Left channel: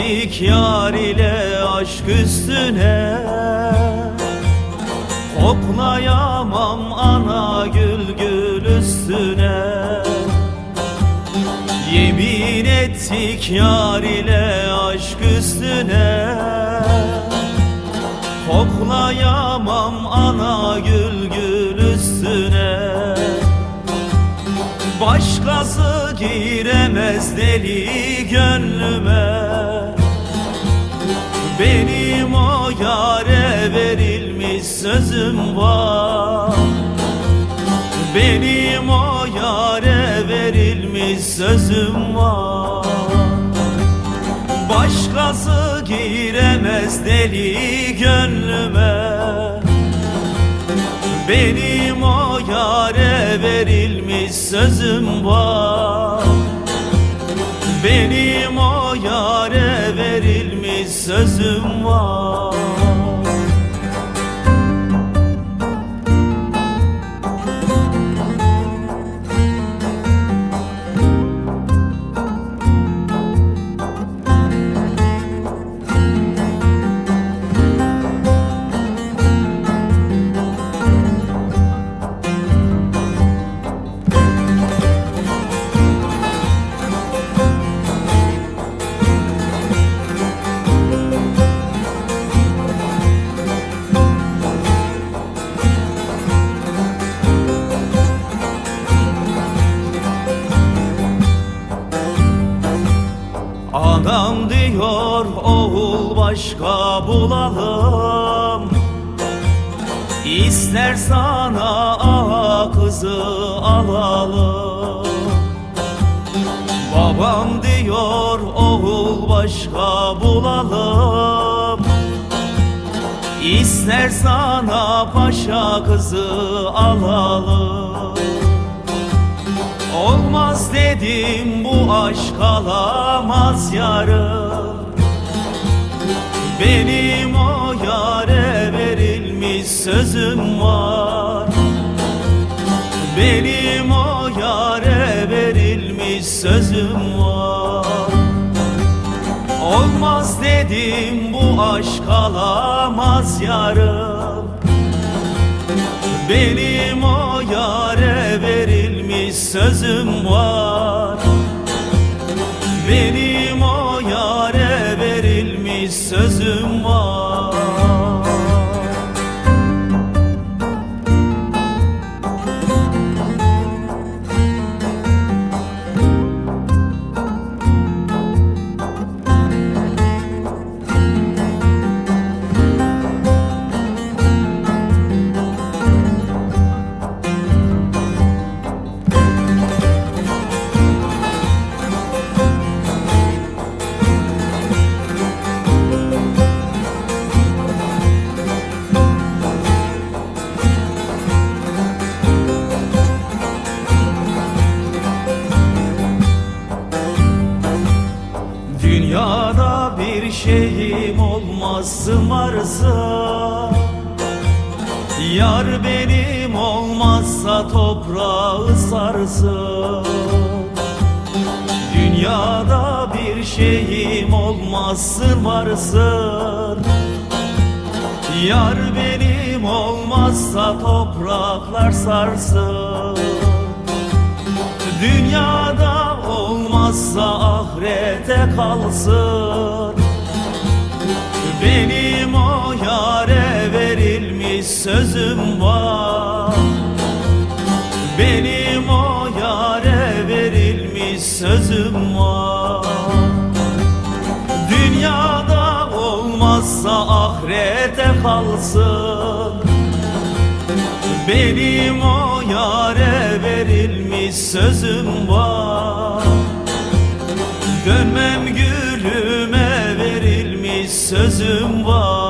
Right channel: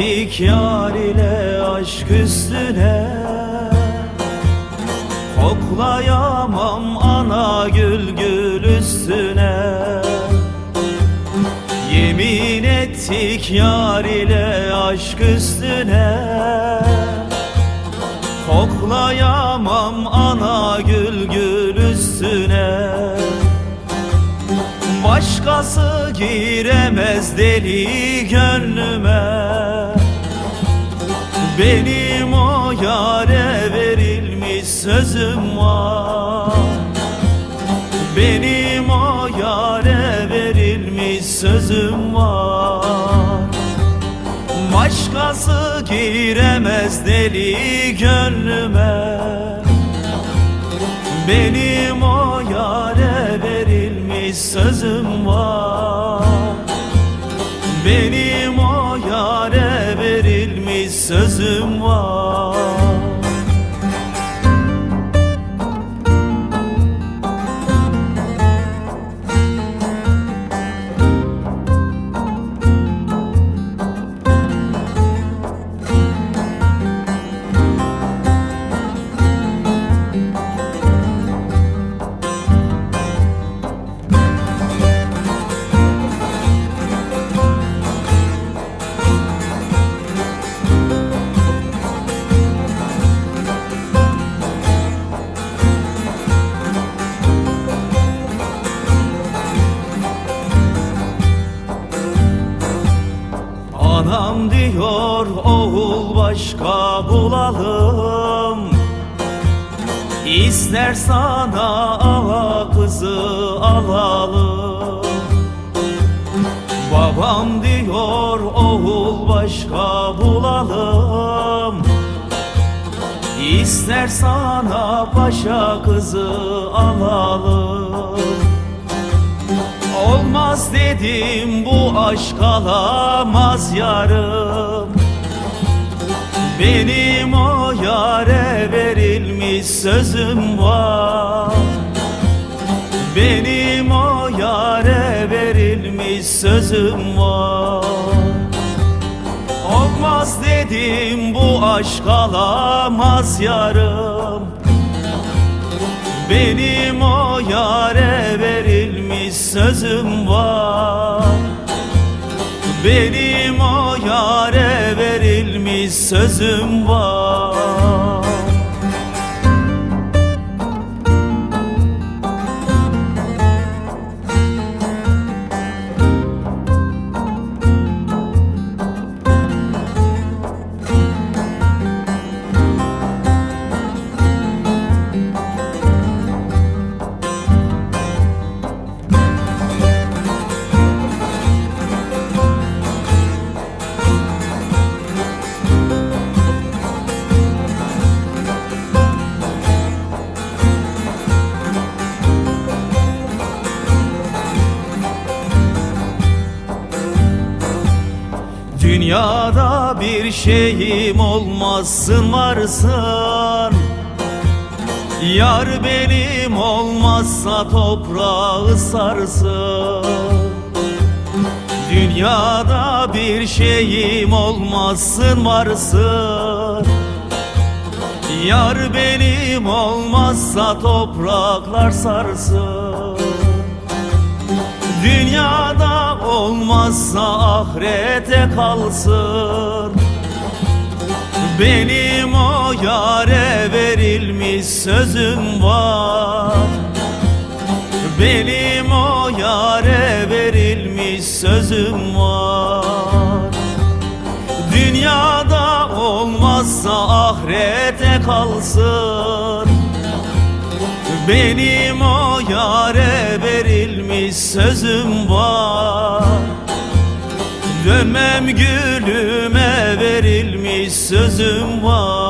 ettik yar ile aşk üstüne. Koklayamam ana gül gül üstüne. Yemin ettik yar ile aşk üstüne. Koklayamam ana gül gül üstüne. Başkası giremez deli gönlüme. Benim o yâre verilmiş sözüm var. Benim o yâre verilmiş sözüm var. Başkası giremez deli gönlüme. Benim o yâre verilmiş sözüm var. Benim o yâre verilmiş sözüm var. Anam diyor oğul başka bulalım. İster sana ağa kızı alalım. Babam diyor oğul başka bulalım. İster sana paşa kızı alalım. Olmaz dedim bu aşk alamaz yarım. Benim o yâre verilmiş sözüm var. Benim o yâre verilmiş sözüm var. Olmaz dedim bu aşk alamaz yarım. Benim o yâre verilmiş sözüm var. Benim o yâre verilmiş sözüm var. Dünyada bir şeyim olmazsın varsın. Yar benim olmazsa toprağı sarsın. Dünyada bir şeyim olmazsın varsın. Yar benim olmazsa topraklar sarsın. Dünyada olmazsa ahirete kalsın. Benim o yâre verilmiş sözüm var. Benim o yâre verilmiş sözüm var. Dünyada olmazsa ahirete kalsın. Benim o yâre verilmiş sözüm var. Dönmem gülüme verilmiş sözüm var.